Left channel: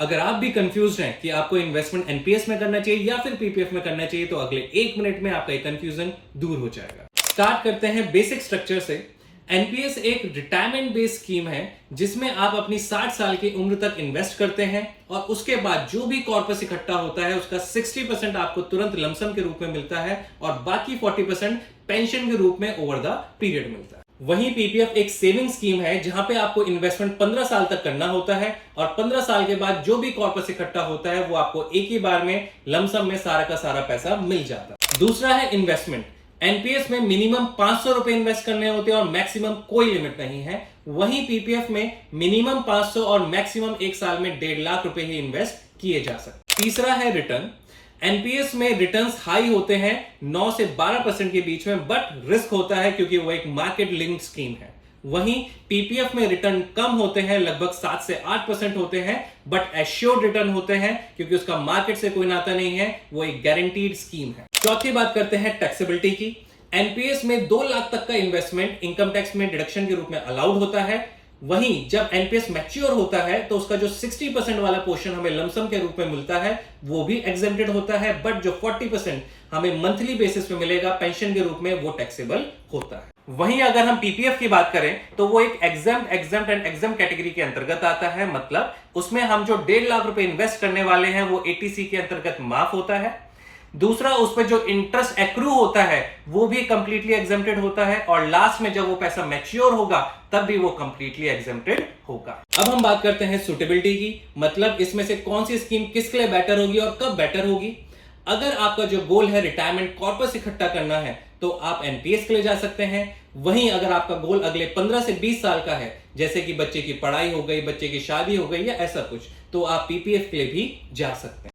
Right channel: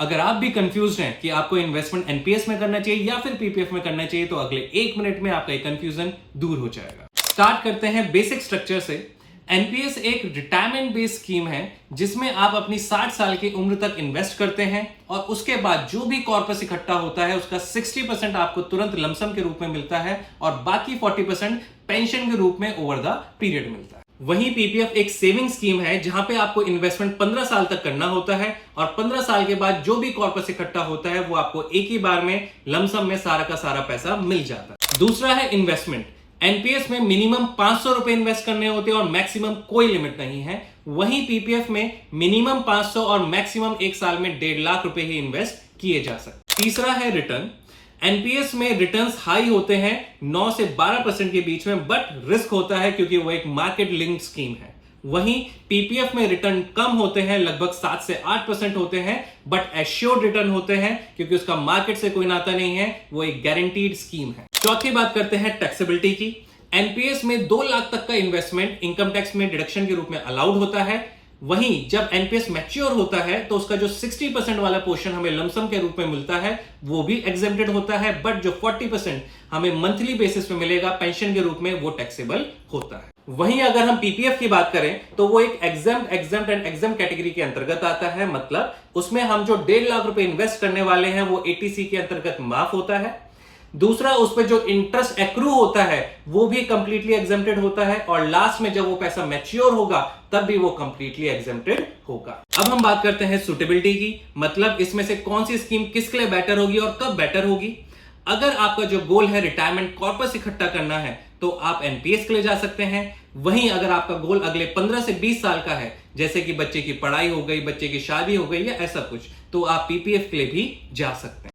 अगर आप भी कंफ्यूज हैं कि आपको इन्वेस्टमेंट एनपीएस में करना चाहिए या फिर पीपीएफ में करना चाहिए, तो अगले 1 मिनट में आपका कंफ्यूजन दूर हो जाएगा। स्टार्ट करते हैं बेसिक स्ट्रक्चर से। एनपीएस एक रिटायरमेंट बेस्ड स्कीम है जिसमें आप अपनी 60 साल की उम्र तक इन्वेस्ट करते हैं और उसके बाद जो भी कॉर्पस इकट्ठा होता है उसका 60% आपको तुरंत लमसम के रूप में मिलता है और बाकी 40% पेंशन के रूप में ओवर द पीरियड मिलता है। वहीं पीपीएफ एक सेविंग स्कीम है जहां पे आपको इन्वेस्टमेंट 15 साल तक करना होता है और 15 साल के बाद जो भी कॉर्पस इकट्ठा होता है वो आपको एक ही बार में लमसम में सारा का सारा पैसा मिल जाता है। दूसरा है इन्वेस्टमेंट। एनपीएस में मिनिमम 500 रुपए इन्वेस्ट करने होते हैं और मैक्सिमम कोई लिमिट नहीं है। वहीं पीपीएफ में मिनिमम 500 और मैक्सिमम एक साल में 1.5 लाख रुपए ही इन्वेस्ट किए जा सकते। तीसरा है रिटर्न। एनपीएस में रिटर्न्स हाई होते हैं 9 से 12% के बीच में, बट रिस्क होता है क्योंकि वो एक मार्केट लिंक्ड स्कीम है। वहीं पीपीएफ में रिटर्न कम होते हैं, लगभग 7 से 8% होते हैं, बट एश्योर्ड रिटर्न होते हैं क्योंकि उसका मार्केट से कोई नाता नहीं है, वो एक गारंटीड स्कीम है। चौथी बात करते हैं टैक्सेबिलिटी की। एनपीएस में 2 लाख तक का इन्वेस्टमेंट इनकम टैक्स में डिडक्शन के रूप में अलाउड होता है। वहीं जब एनपीएस मैच्योर होता है तो उसका जो 60% वाला पोर्शन हमें लमसम के रूप में मिलता है वो भी एग्जेम्प्टेड होता है, बट जो 40% हमें मंथली बेसिस पे मिलेगा पेंशन के रूप में वो टैक्सेबल होता है। वहीं अगर हम पीपीएफ की बात करें तो वो एक एग्जेम्प्ट एंड एग्जेम्प्ट कैटेगरी के अंतर्गत आता है, मतलब उसमें हम जो 1.5 लाख रुपए इन्वेस्ट करने वाले हैं वो एटीसी के अंतर्गत माफ होता है। दूसरा, उस पर जो इंटरेस्ट एक्रू होता है वो भी कंप्लीटली एग्जेम्प्टेड होता है और लास्ट में जब वो पैसा मैच्योर होगा तब भी वो कंप्लीटली एग्जेम्प्टेड होगा। अब हम बात करते हैं सुटेबिलिटी की, मतलब इसमें से कौन सी स्कीम किसके लिए बेटर होगी और कब बेटर होगी। अगर आपका जो गोल है रिटायरमेंट कॉर्पस इकट्ठा करना है तो आप एनपीएस के लिए जा सकते हैं। वहीं अगर आपका गोल अगले 15 से 20 साल का है, जैसे कि बच्चे की पढ़ाई हो गई, बच्चे की शादी हो गई या ऐसा कुछ, तो आप पीपीएफ के लिए भी जा सकते हैं।